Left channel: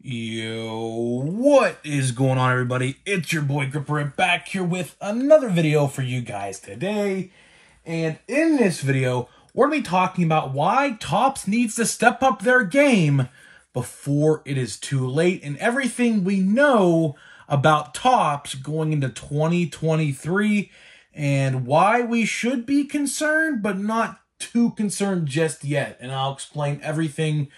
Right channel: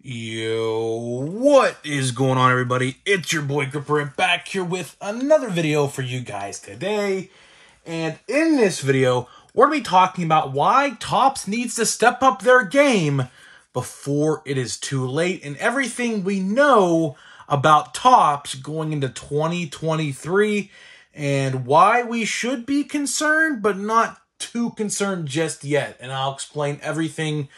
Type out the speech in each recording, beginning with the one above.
Yo, what is going on, everybody? It's your boy Gripper back here with another video for you guys today. And in this video, we're going to be talking about why Topps needs to step up their game before it is too late and everything we know about Topps going into 2023 and why we should be concerned but not too concerned just yet. And I'll explain everything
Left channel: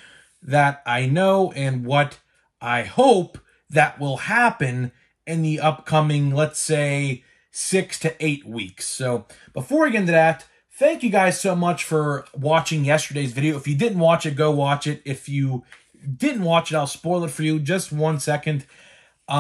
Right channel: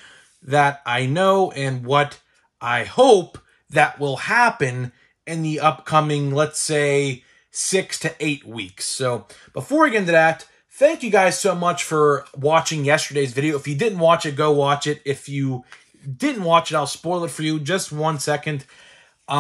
that I know and what I hope that will happen in the upcoming, let's say, 6 to 8 weeks. So before we get into that, thank you guys so much for watching yesterday's video. If you didn't watch it, go watch it. If you didn't watch it, I'll spoil it for you. Just 1 second. Me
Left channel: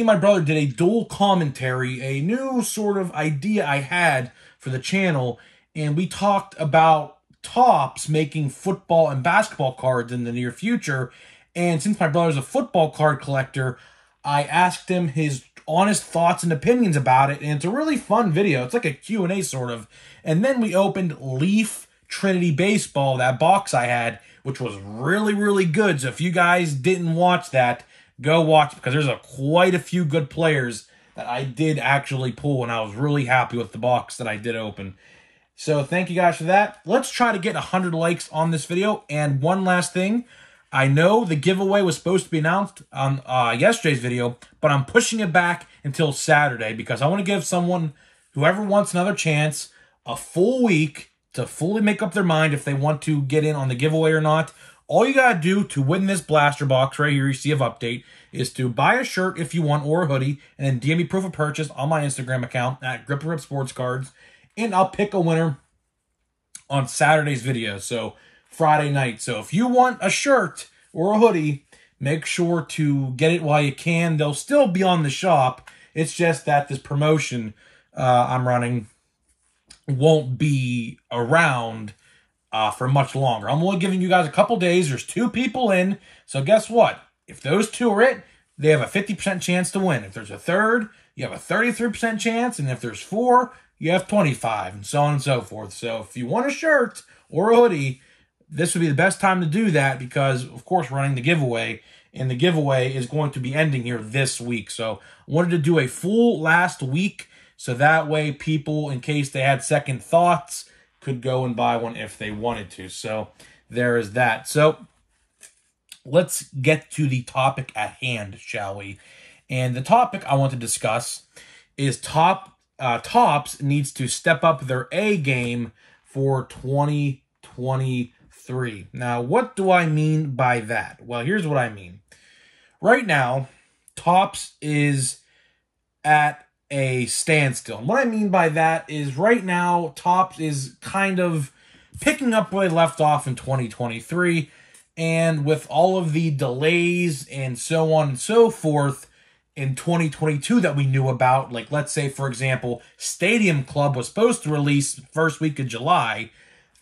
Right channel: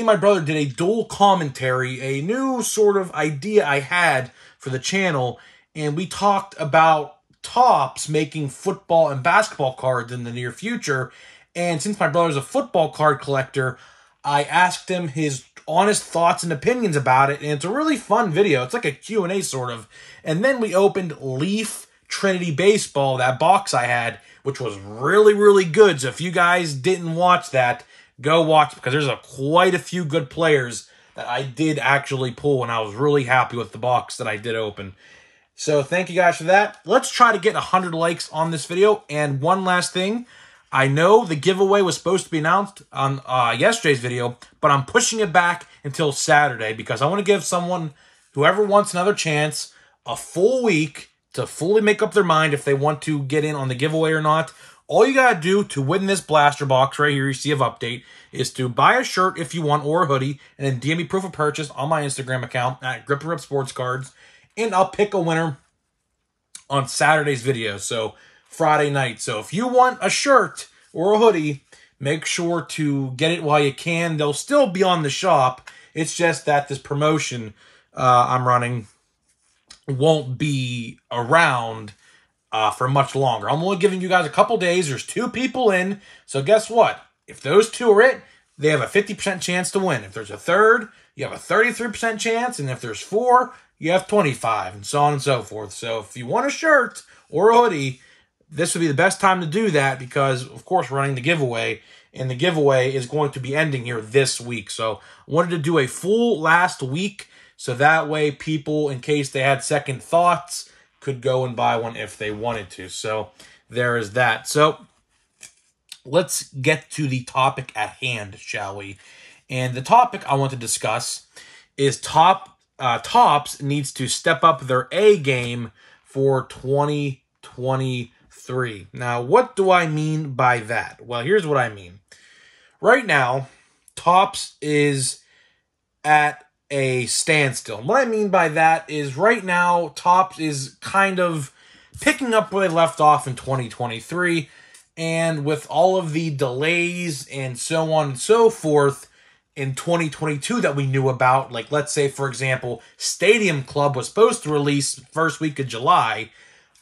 and my brother did a dual commentary, a new sort of idea I had for the channel, and we talked about Topps making football and basketball cards in the near future. And since my brother's a football card collector, I asked him his honest thoughts and opinions about it. And it's a really fun video. It's like a Q&A sort of. And then we opened Leaf Trinity Baseball, that box I had, which was really, really good. So if you guys didn't watch that, go watch it, because there's quite a few good players that I did actually pull. And I was really happy with the box that I did open. So thank you guys for that. Let's try to get 100 likes on this video. And one last thing. I know the giveaway was supposed to be announced on yesterday's video, but I'm pushing it back until Saturday because I want to give someone, whoever wants another chance, a full week to fully make up their mind if they want to get in on the giveaway or not. All you got to do to win this blaster box right here, you see of update, is to buy a shirt if you want or a hoodie, and then DM me proof of purchase on my Instagram account at Gripper Sports Cards, and I'll pick a winner on Saturday's video. So Friday night. So if you want a shirt or a hoodie, make sure to get it while you can. They'll still be on the shop. It's just that this promotion I'm running won't be around for much longer. I'm only giving you guys a couple days. There's 2 people in. So guess what? If those 2 are it, they have a 50% chance to win. If there's a third, you have a 33% chance. And if there's 4, you have 25, and so on and so forth. So if you want a shirt or a hoodie, this would be the best time to do that because, of course, we're running the giveaway, and the giveaway is going to be ending here this week. So I wanted to do a full last week so that way people, in case they had second thoughts, could go and buy one if they wanted to. So there is that. So let's get to the topic at hand, shall we? And the topic I want to discuss is Topps needs to step up their A game for 2023. Now, what do I mean by that? Well, here's what I mean. Right now, Topps is at a standstill. And what I mean by that is right now, Topps is kind of picking up where they left off in 2023. And with all of the delays and so on and so forth in 2022 that we knew about, like let's say, for example, Stadium Club was supposed to release first week of July.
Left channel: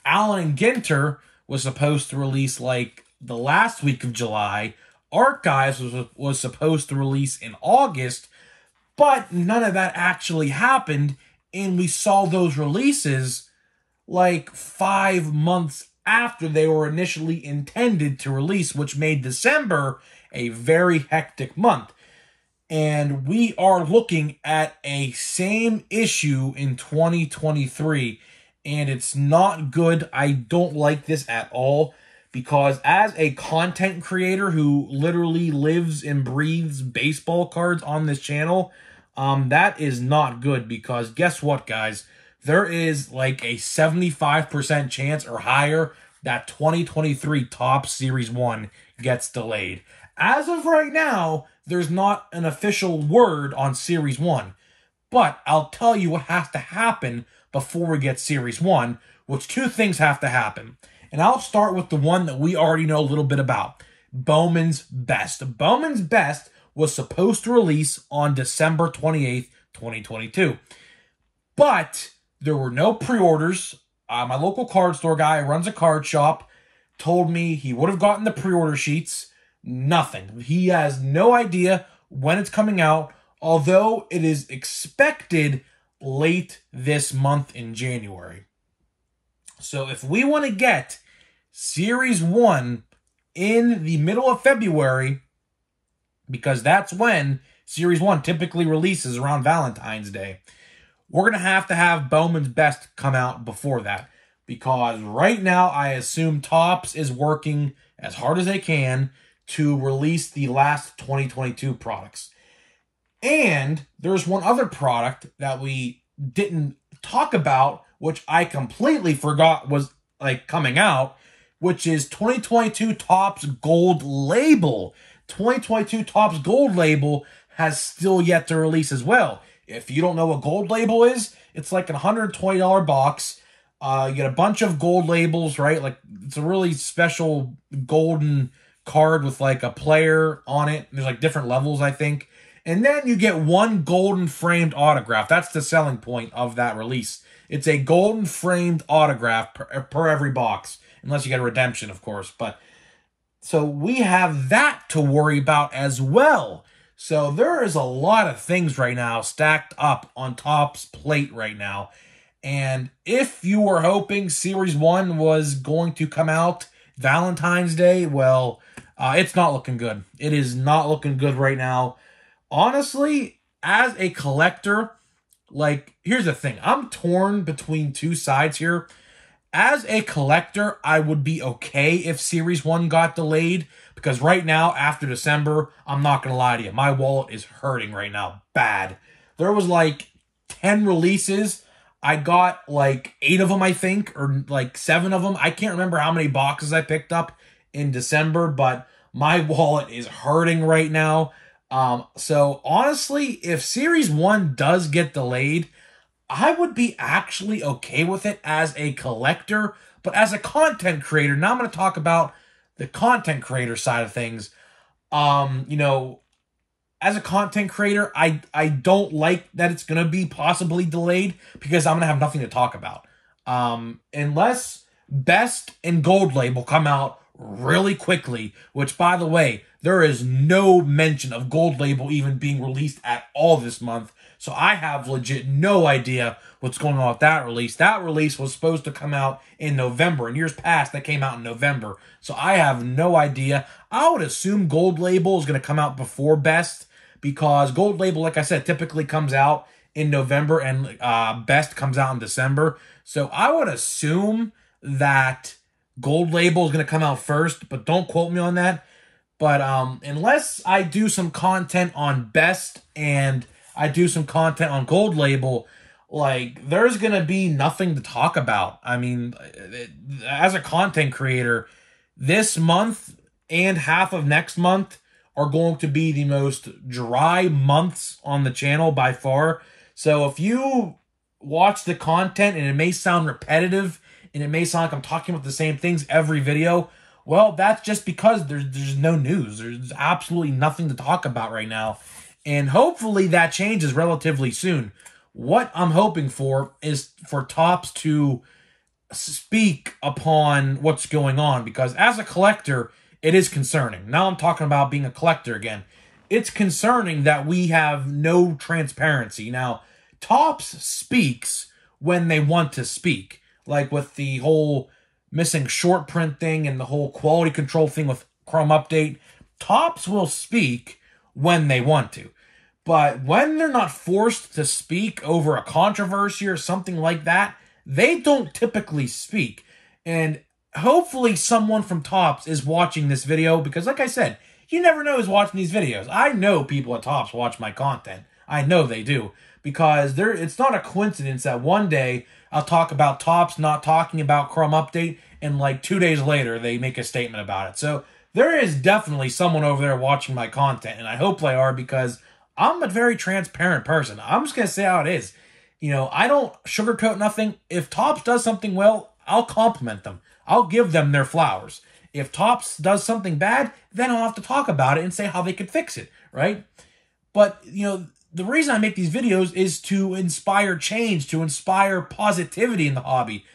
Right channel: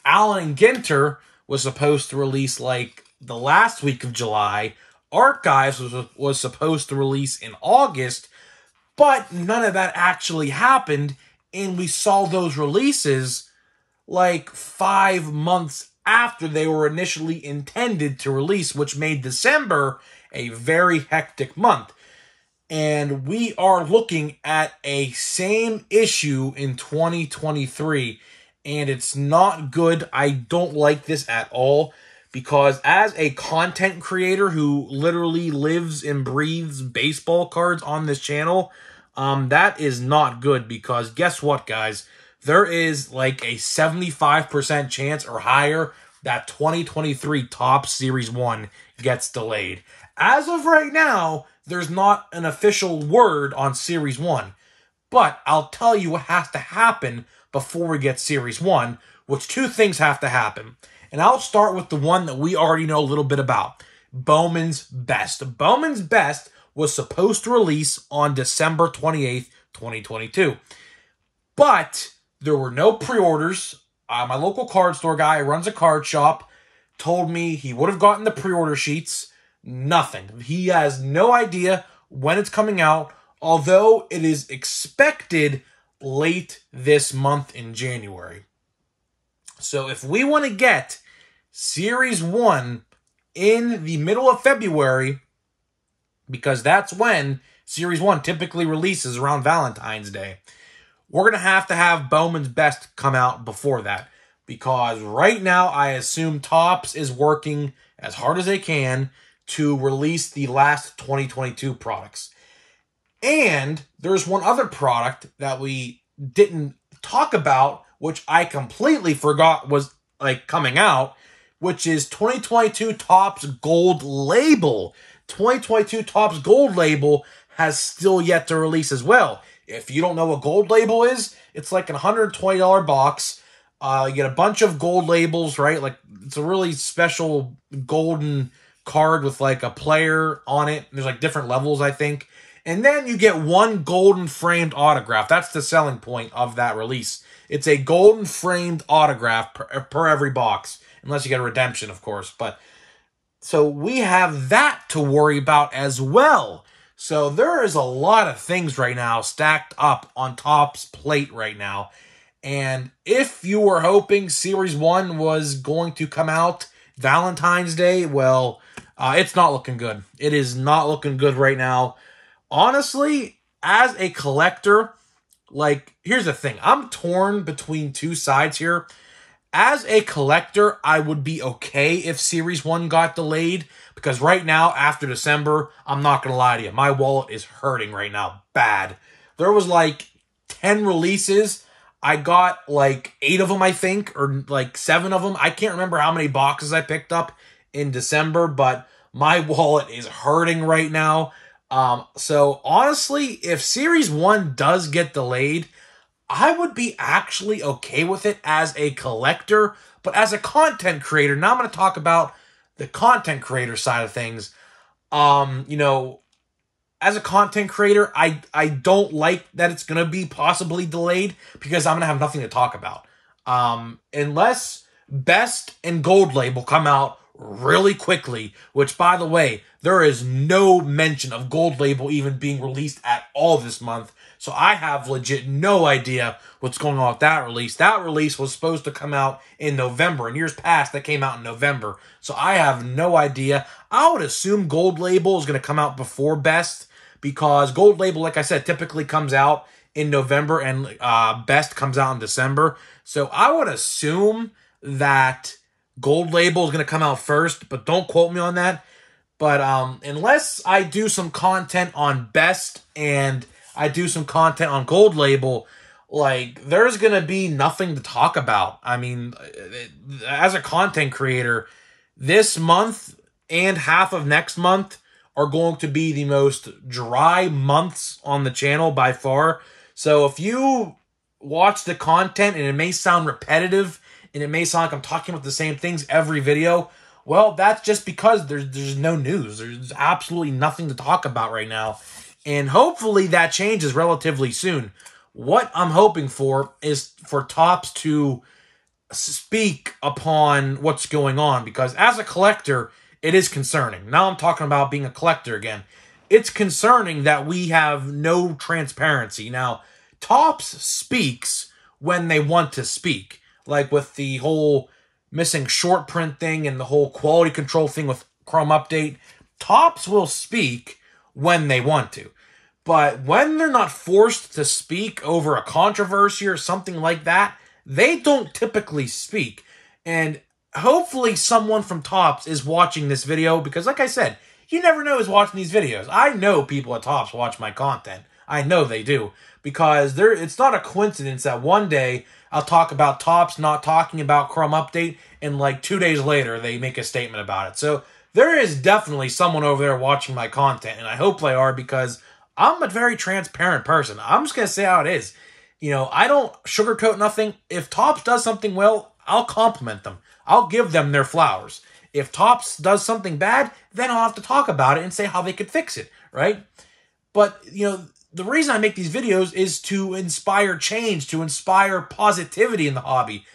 Allen & Ginter was supposed to release like the last week of July. Archives was supposed to release in August, but none of that actually happened, and we saw those releases like 5 months after they were initially intended to release, which made December a very hectic month. And we are looking at a same issue in 2023, and it's not good. I don't like this at all, because as a content creator who literally lives and breathes baseball cards on this channel, that is not good, because guess what, guys? There is like a 75% chance or higher that 2023 Topps Series 1 gets delayed. As of right now, there's not an official word on Series 1, but I'll tell you what has to happen before we get Series 1, which 2 things have to happen. And I'll start with the one that we already know a little bit about, Bowman's Best. Bowman's Best was supposed to release on December 28th, 2022. But there were no pre-orders. My local card store guy who runs a card shop told me he would have gotten the pre-order sheets. Nothing. He has no idea when it's coming out, although it is expected late this month in January. So if we want to get Series 1 in the middle of February, because that's when Series 1 typically releases, around Valentine's Day. We're going to have Bowman's Best come out before that, because right now I assume Topps is working as hard as they can to release the last 2022 products. And there's one other product that we didn't talk about, which I completely forgot was like coming out, which is 2022 Topps Gold Label. 2022 Topps Gold Label has still yet to release as well. If you don't know what Gold Label is, it's like a $120 box. You get a bunch of gold labels, right? Like, it's a really special golden card with like a player on it. There's like different levels, I think. And then you get one golden framed autograph. That's the selling point of that release. It's a golden framed autograph per every box, unless you get a redemption, of course. But so we have that to worry about as well. So there is a lot of things right now stacked up on Topps' plate right now. And if you were hoping Series 1 was going to come out Valentine's Day, well, it's not looking good. It is not looking good right now. Honestly, as a collector, like, here's the thing. I'm torn between two sides here. As a collector, I would be okay if Series 1 got delayed, because right now, after December, I'm not going to lie to you, my wallet is hurting right now, bad. There was like 10 releases. I got like 8 of them, I think, or like 7 of them. I can't remember how many boxes I picked up in December, but my wallet is hurting right now. So honestly, if Series 1 does get delayed, I would be actually okay with it as a collector, but as a content creator, now I'm going to talk about the content creator side of things. You know, as a content creator, I don't like that it's going to be possibly delayed, because I'm going to have nothing to talk about. Unless Best and Gold Label come out really quickly, which, by the way, there is no mention of Gold Label even being released at all this month. So I have legit no idea what's going on with that release. That release was supposed to come out in November. In years past, that came out in November. So I have no idea. I would assume Gold Label is going to come out before Best, because Gold Label, like I said, typically comes out in November, and Best comes out in December. So I would assume that Gold Label is going to come out first, but don't quote me on that. But unless I do some content on Best and I do some content on Gold Label, like, there's going to be nothing to talk about. I mean, as a content creator, this month and half of next month are going to be the most dry months on the channel by far. So if you watch the content and it may sound repetitive and it may sound like I'm talking about the same things every video, well, that's just because there's no news. There's absolutely nothing to talk about right now. And hopefully that changes relatively soon. What I'm hoping for is for Topps to speak upon what's going on, because as a collector, it is concerning. Now I'm talking about being a collector again. It's concerning that we have no transparency. Now, Topps speaks when they want to speak, like with the whole missing short print thing and the whole quality control thing with Chrome Update. Topps will speak when they want to. But when they're not forced to speak over a controversy or something like that, they don't typically speak. And hopefully someone from Topps is watching this video, because like I said, you never know who's watching these videos. I know people at Topps watch my content. I know they do, because it's not a coincidence that one day I'll talk about Topps not talking about Chrome Update, and like 2 days later, they make a statement about it. So there is definitely someone over there watching my content, and I hope they are, because I'm a very transparent person. I'm just going to say how it is. You know, I don't sugarcoat nothing. If Topps does something well, I'll compliment them. I'll give them their flowers. If Topps does something bad, then I'll have to talk about it and say how they could fix it, right? But, you know, the reason I make these videos is to inspire change, to inspire positivity in the hobby,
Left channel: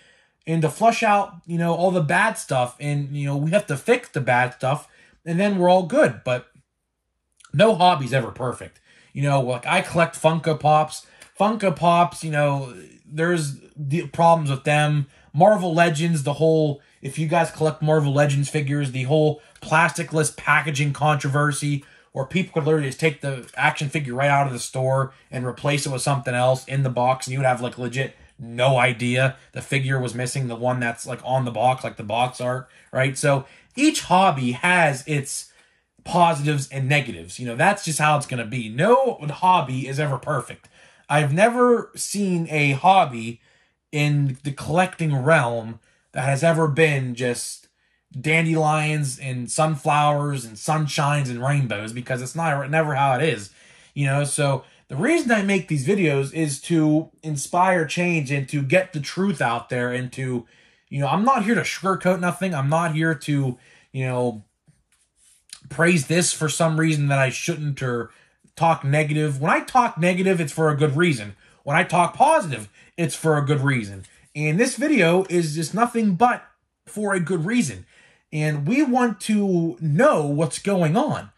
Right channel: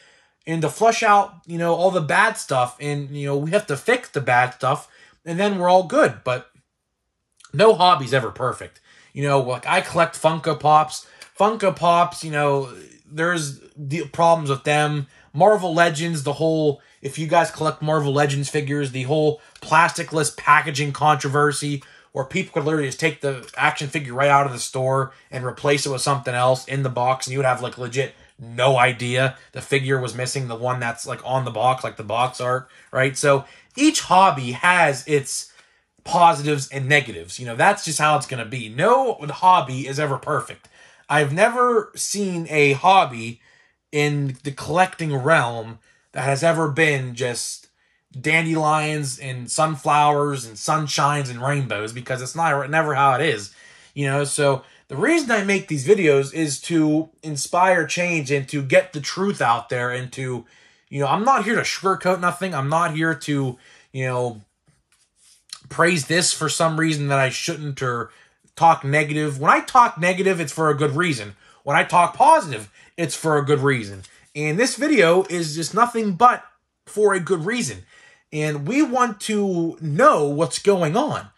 and to flush out, you know, all the bad stuff. And, you know, we have to fix the bad stuff, and then we're all good. But no hobby's ever perfect. You know, like, I collect Funko Pops. Funko Pops, you know, there's the problems with them. Marvel Legends, the whole, if you guys collect Marvel Legends figures, the whole plasticless packaging controversy where people could literally just take the action figure right out of the store and replace it with something else in the box, and you would have like legit no idea the figure was missing the one that's like on the box, like the box art, right? So each hobby has its positives and negatives. You know, that's just how it's going to be. No hobby is ever perfect. I've never seen a hobby in the collecting realm that has ever been just dandelions and sunflowers and sunshines and rainbows, because it's never how it is, you know. So the reason I make these videos is to inspire change and to get the truth out there, and to, you know, I'm not here to sugarcoat nothing. I'm not here to, you know, praise this for some reason that I shouldn't, or talk negative. When I talk negative, it's for a good reason. When I talk positive, it's for a good reason. And this video is just nothing but for a good reason. And we want to know what's going on.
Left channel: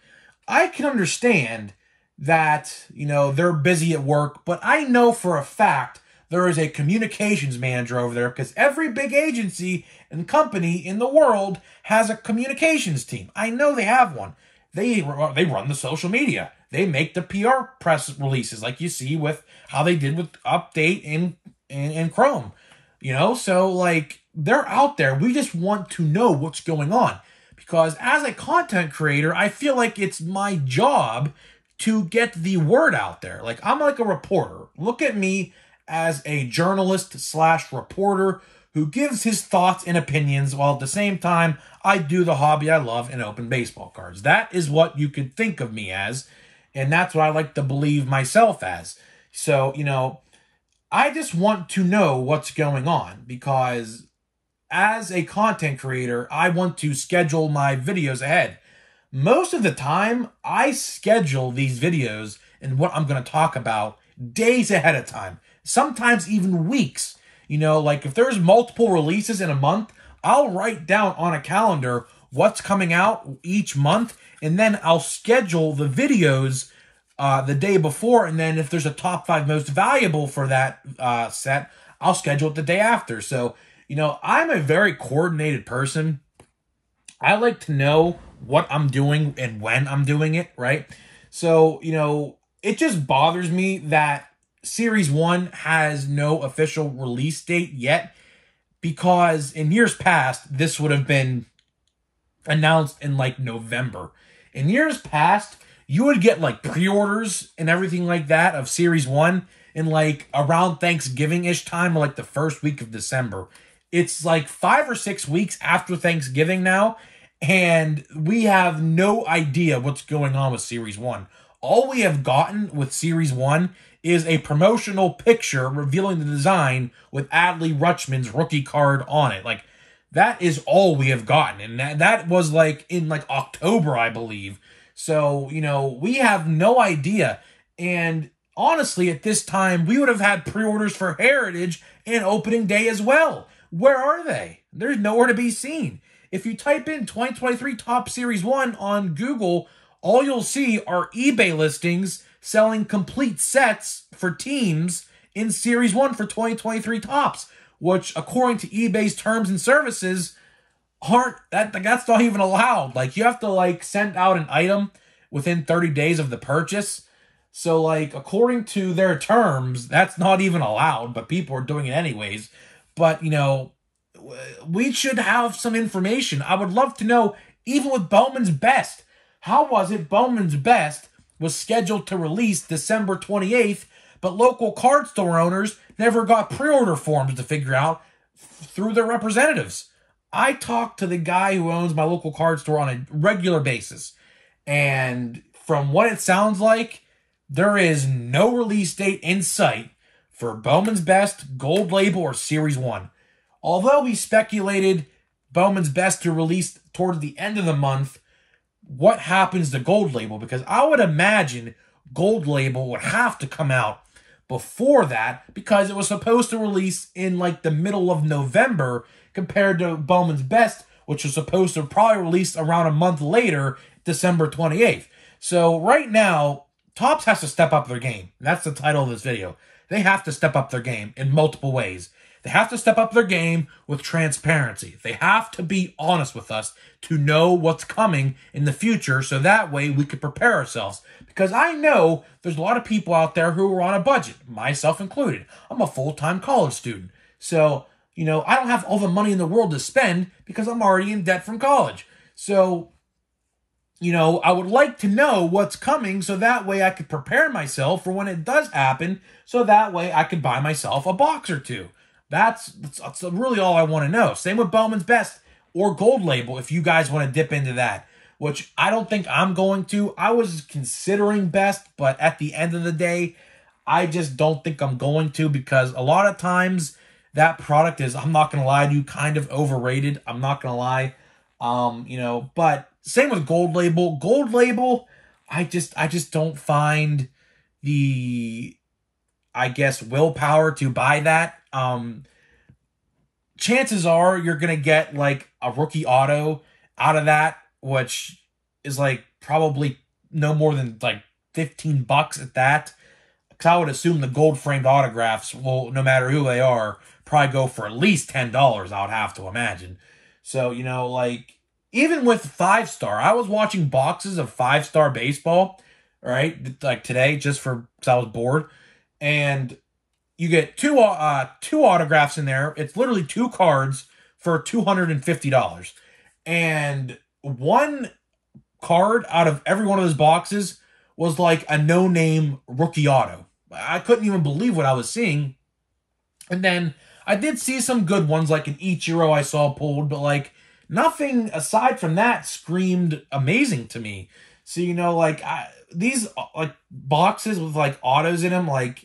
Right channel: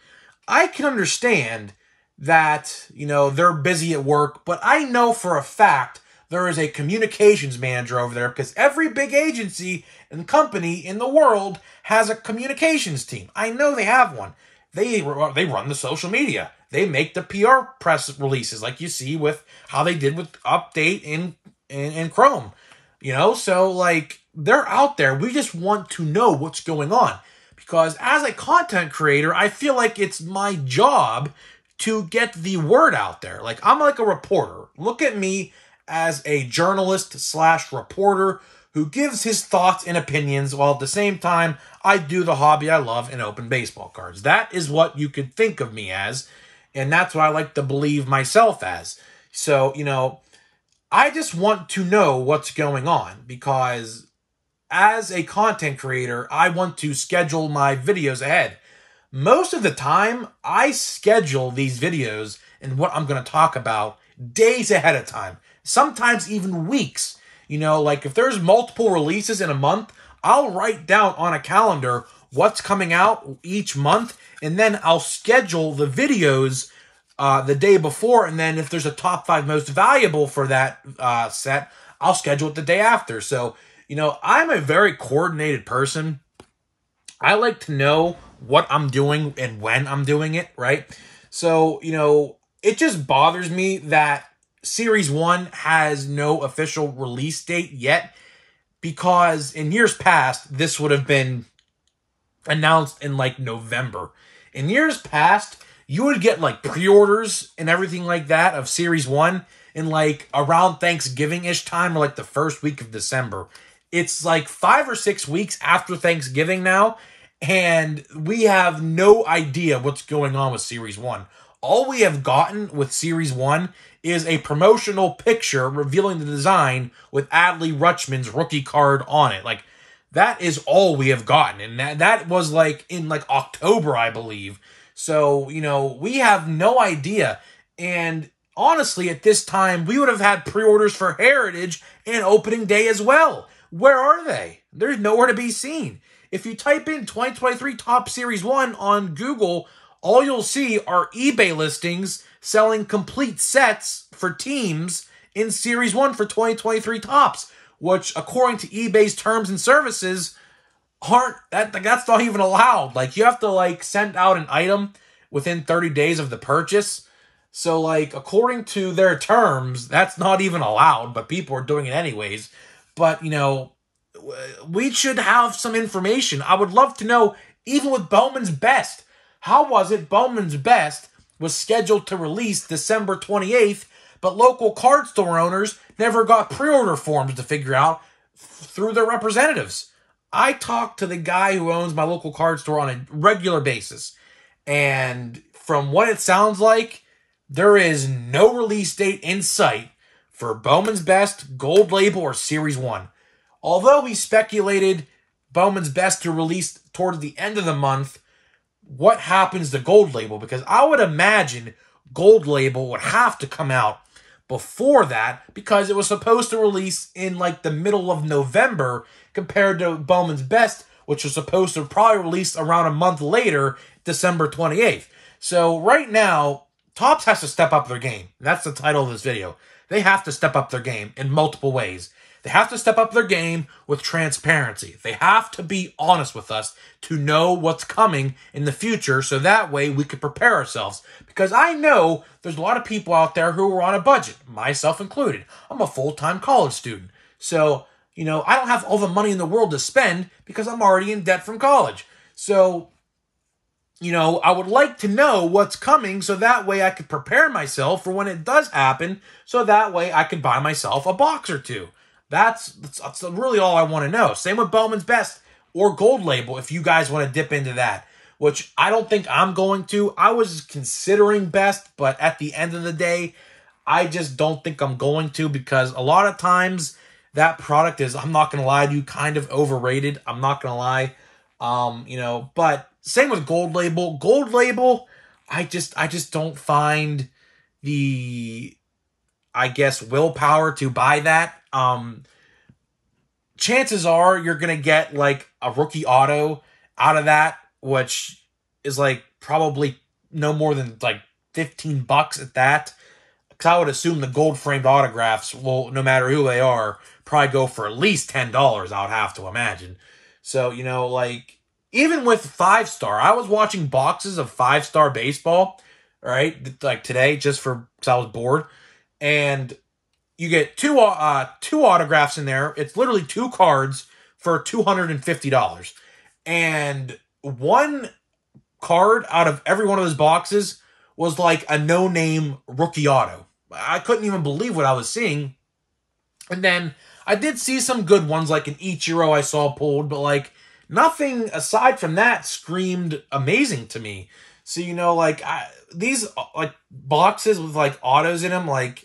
I can understand that, you know, they're busy at work, but I know for a fact there is a communications manager over there, because every big agency and company in the world has a communications team. I know they have one. They run the social media. They make the PR press releases, like you see with how they did with Update in Chrome. You know, so like, they're out there. We just want to know what's going on, because as a content creator, I feel like it's my job to get the word out there. Like, I'm like a reporter. Look at me as a journalist / reporter who gives his thoughts and opinions, while at the same time, I do the hobby I love and open baseball cards. That is what you could think of me as, and that's what I like to believe myself as. So, you know, I just want to know what's going on, because as a content creator, I want to schedule my videos ahead. Most of the time, I schedule these videos and what I'm going to talk about days ahead of time, sometimes even weeks. You know, like if there's multiple releases in a month, I'll write down on a calendar what's coming out each month, and then I'll schedule the videos the day before, and then if there's a top 5 most valuable for that set, I'll schedule it the day after. So, you know, I'm a very coordinated person. I like to know what I'm doing and when I'm doing it, right? So, you know, it just bothers me that Series 1 has no official release date yet, because in years past, this would have been announced in like November. In years past, you would get like pre-orders and everything like that of Series 1 in like around Thanksgiving-ish time, or like the first week of December. It's like 5 or 6 weeks after Thanksgiving now, and we have no idea what's going on with Series 1. All we have gotten with Series 1 is a promotional picture revealing the design with Adley Rutschman's rookie card on it. Like, that is all we have gotten, and that was like in like October, I believe. So, you know, we have no idea. And honestly, at this time, we would have had pre-orders for Heritage and opening day as well. Where are they? They're nowhere to be seen. If you type in 2023 Topps Series 1 on Google, all you'll see are eBay listings selling complete sets for teams in Series 1 for 2023 Topps, which, according to eBay's terms and services, that's not even allowed. Like, you have to like send out an item within 30 days of the purchase. So like, according to their terms, that's not even allowed, but people are doing it anyways. But, you know, we should have some information. I would love to know, even with Bowman's Best, how was it Bowman's Best was scheduled to release December 28th, but local card store owners never got pre-order forms to figure out through their representatives? I talk to the guy who owns my local card store on a regular basis, and from what it sounds like, there is no release date in sight for Bowman's Best, Gold Label, or Series 1. Although we speculated Bowman's Best to release towards the end of the month, what happens to Gold Label? Because I would imagine Gold Label would have to come out before that, because it was supposed to release in like the middle of November, compared to Bowman's Best, which was supposed to probably release around a month later, December 28th. So right now, Topps has to step up their game. That's the title of this video. They have to step up their game in multiple ways. They have to step up their game with transparency. They have to be honest with us to know what's coming in the future so that way we can prepare ourselves. Because I know there's a lot of people out there who are on a budget, myself included. I'm a full-time college student. So, you know, I don't have all the money in the world to spend because I'm already in debt from college. So, you know, I would like to know what's coming so that way I could prepare myself for when it does happen so that way I can buy myself a box or two. That's really all I want to know. Same with Bowman's Best or Gold Label if you guys want to dip into that, which I don't think I'm going to. I was considering Best, but at the end of the day, I just don't think I'm going to because a lot of times that product is, I'm not going to lie to you, kind of overrated. I'm not going to lie. You know, but same with Gold Label. Gold Label, I just don't find the, I guess, willpower to buy that. Chances are you're going to get like a rookie auto out of that, which is like probably no more than like 15 bucks at that. Because I would assume the gold framed autographs will, no matter who they are, probably go for at least $10, I would have to imagine. So, you know, like, even with 5-star, I was watching boxes of 5-star baseball, right? Like today, just for, because I was bored. And you get two autographs in there. It's literally 2 cards for $250. And one card out of every one of those boxes was like a no-name rookie auto. I couldn't even believe what I was seeing. And then I did see some good ones, like an Ichiro I saw pulled, but like nothing aside from that screamed amazing to me. So, you know, like these like boxes with like autos in them, like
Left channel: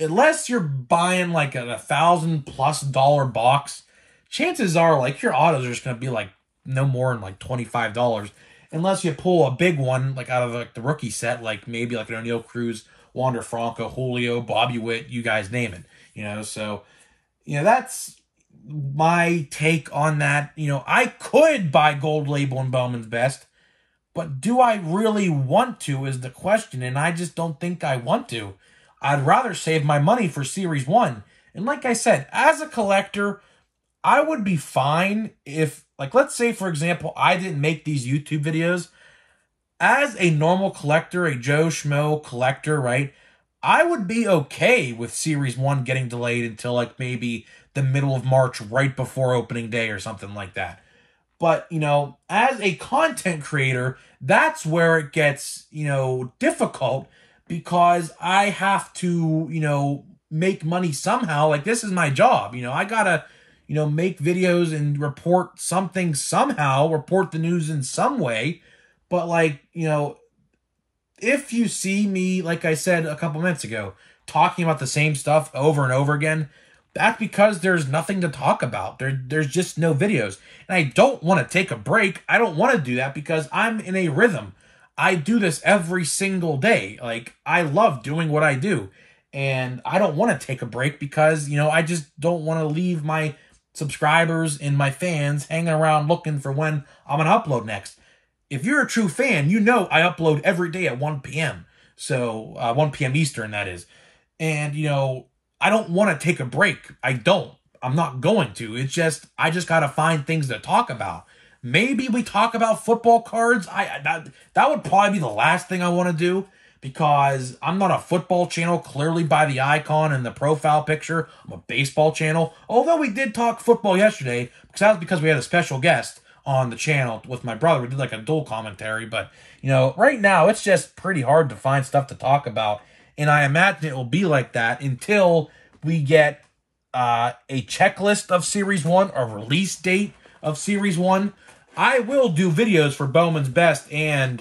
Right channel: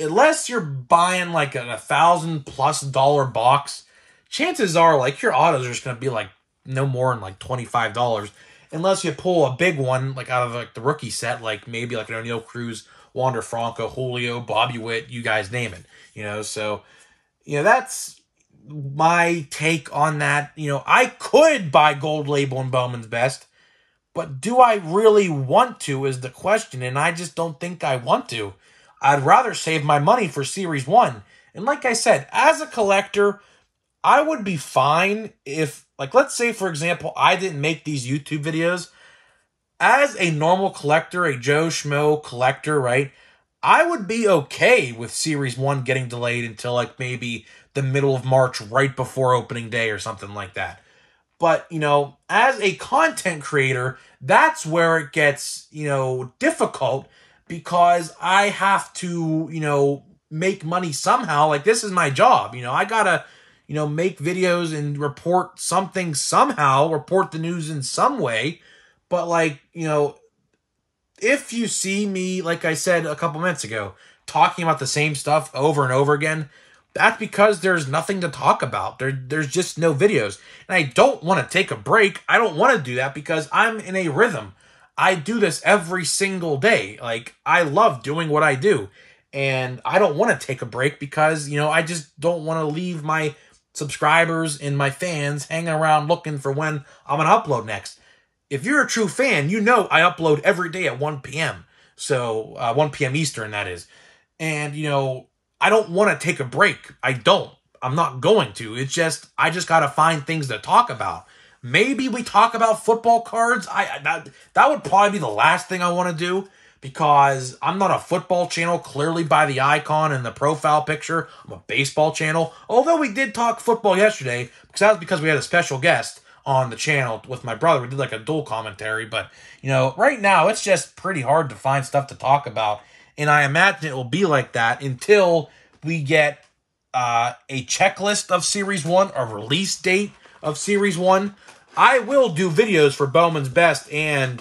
unless you're buying like a $1,000+ box, chances are like your autos are just going to be like no more than like $25. Unless you pull a big one like out of like the rookie set, like maybe like an O'Neal Cruz, Wander Franco, Julio, Bobby Witt, you guys name it. You know, so, you know, that's my take on that. You know, I could buy Gold Label and Bowman's Best, but do I really want to is the question, and I just don't think I want to. I'd rather save my money for Series 1. And like I said, as a collector, I would be fine if, like, let's say, for example, I didn't make these YouTube videos. As a normal collector, a Joe Schmo collector, right, I would be okay with Series 1 getting delayed until, like, maybe the middle of March, right before opening day or something like that. But, you know, as a content creator, that's where it gets, you know, difficult because I have to, you know, make money somehow. Like, this is my job. You know, I gotta, you know, make videos and report something somehow, report the news in some way. But, like, you know, if you see me, like I said a couple minutes ago, talking about the same stuff over and over again, that's because there's nothing to talk about. There's just no videos. And I don't want to take a break. I don't want to do that because I'm in a rhythm. I do this every single day. Like, I love doing what I do. And I don't want to take a break because, you know, I just don't want to leave my subscribers and my fans hanging around looking for when I'm going to upload next. If you're a true fan, you know I upload every day at 1 p.m. So, 1 p.m. Eastern, that is. And, you know, I don't want to take a break. I don't. I'm not going to. It's just, I just got to find things to talk about. Maybe we talk about football cards. That would probably be the last thing I want to do because I'm not a football channel, clearly by the icon and the profile picture. I'm a baseball channel. Although we did talk football yesterday, because that was because we had a special guest on the channel with my brother. We did like a dual commentary. But, you know, right now it's just pretty hard to find stuff to talk about. And I imagine it will be like that until we get a checklist of Series 1, a release date of Series 1. I will do videos for Bowman's Best and,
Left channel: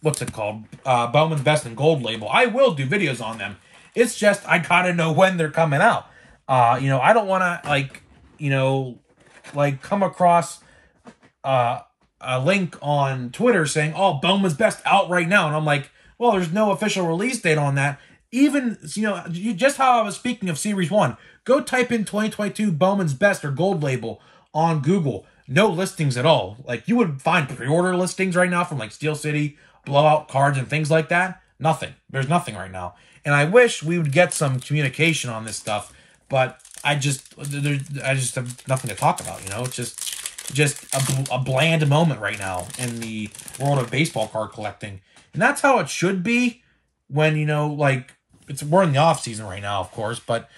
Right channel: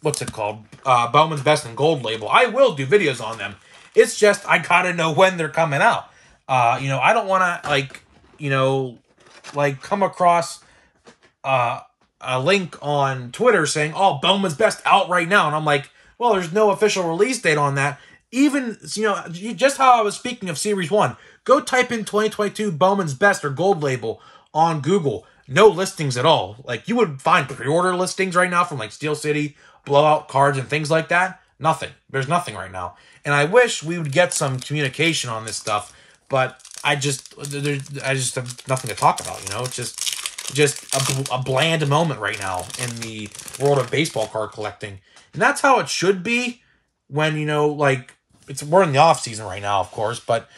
what's it called? Bowman's Best and Gold Label. I will do videos on them. It's just, I gotta know when they're coming out. You know, I don't want to, like, you know, like, come across a link on Twitter saying, oh, Bowman's Best out right now. And I'm like, well, there's no official release date on that. Even, you know, just how I was speaking of Series 1, go type in 2022 Bowman's Best or Gold Label on Google. No listings at all. Like, you would find pre-order listings right now from, like, Steel City, Blowout Cards, and things like that. Nothing. There's nothing right now. And I wish we would get some communication on this stuff, but I just have nothing to talk about, you know? It's just a bland moment right now in the world of baseball card collecting. And that's how it should be when, you know, like, we're in the off season right now, of course, but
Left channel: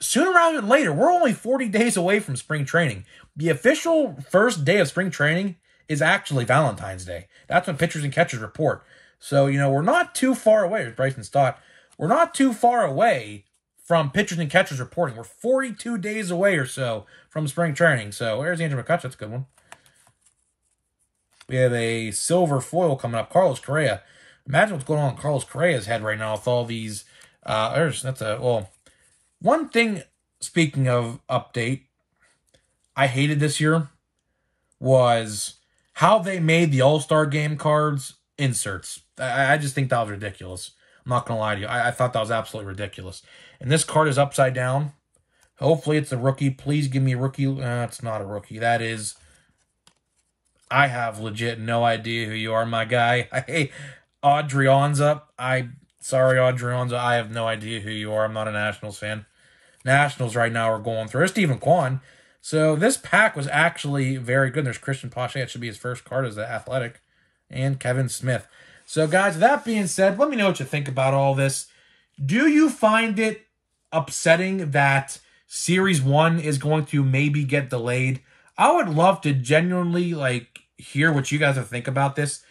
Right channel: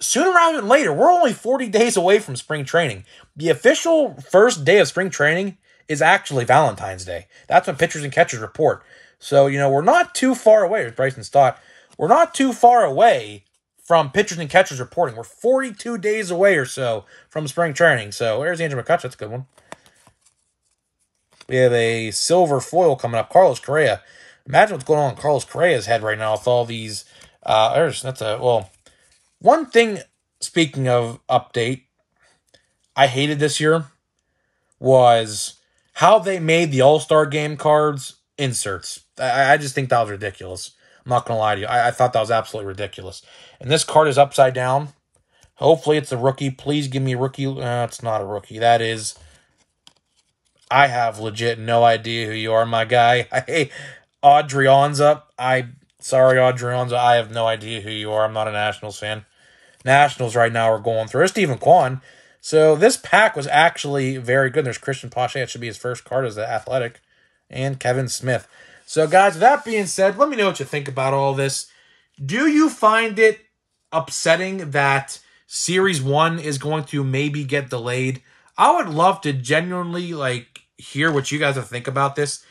sooner rather than later, we're only 40 days away from spring training. The official first day of spring training is actually Valentine's Day. That's when pitchers and catchers report. So, you know, we're not too far away, as Bryson Stott. We're not too far away from pitchers and catchers reporting. We're 42 days away or so from spring training. So, there's Andrew McCutcheon. That's a good one. We have a silver foil coming up. Carlos Correa. Imagine what's going on in Carlos Correa's head right now with all these. One thing, speaking of update, I hated this year was how they made the All-Star Game cards inserts. I just think that was ridiculous. I'm not going to lie to you. I thought that was absolutely ridiculous. And this card is upside down. Hopefully it's a rookie. Please give me a rookie. It's not a rookie. That is... I have legit no idea who you are, my guy. Hey, Adrianza. Sorry, Adrianza. I have no idea who you are. I'm not a Nationals fan. Nationals right now are going through. Stephen Kwan. So this pack was actually very good. There's Christian Pache. It should be his first card as the Athletic. And Kevin Smith. So, guys, with that being said, let me know what you think about all this. Do you find it upsetting that Series 1 is going to maybe get delayed? I would love to genuinely, like, hear what you guys think about this.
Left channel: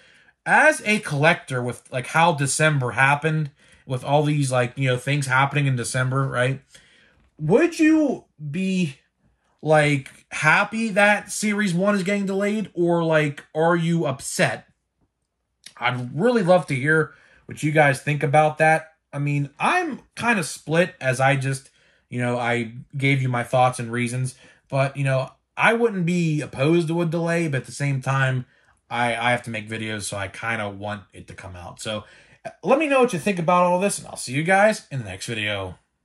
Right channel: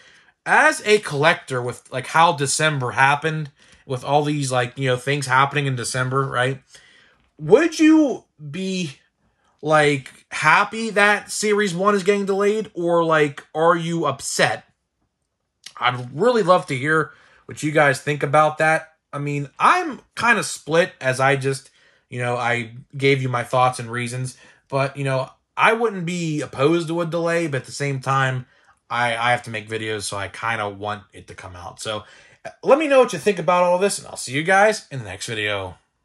As a collector, with, like, how December happened, with all these, like, you know, things happening in December, right? Would you be, like, happy that Series 1 is getting delayed? Or, like, are you upset? I'd really love to hear what you guys think about that. I mean, I'm kind of split, as I just, you know, I gave you my thoughts and reasons. But, you know, I wouldn't be opposed to a delay, but at the same time, I have to make videos, so I kind of want it to come out. So let me know what you think about all this, and I'll see you guys in the next video.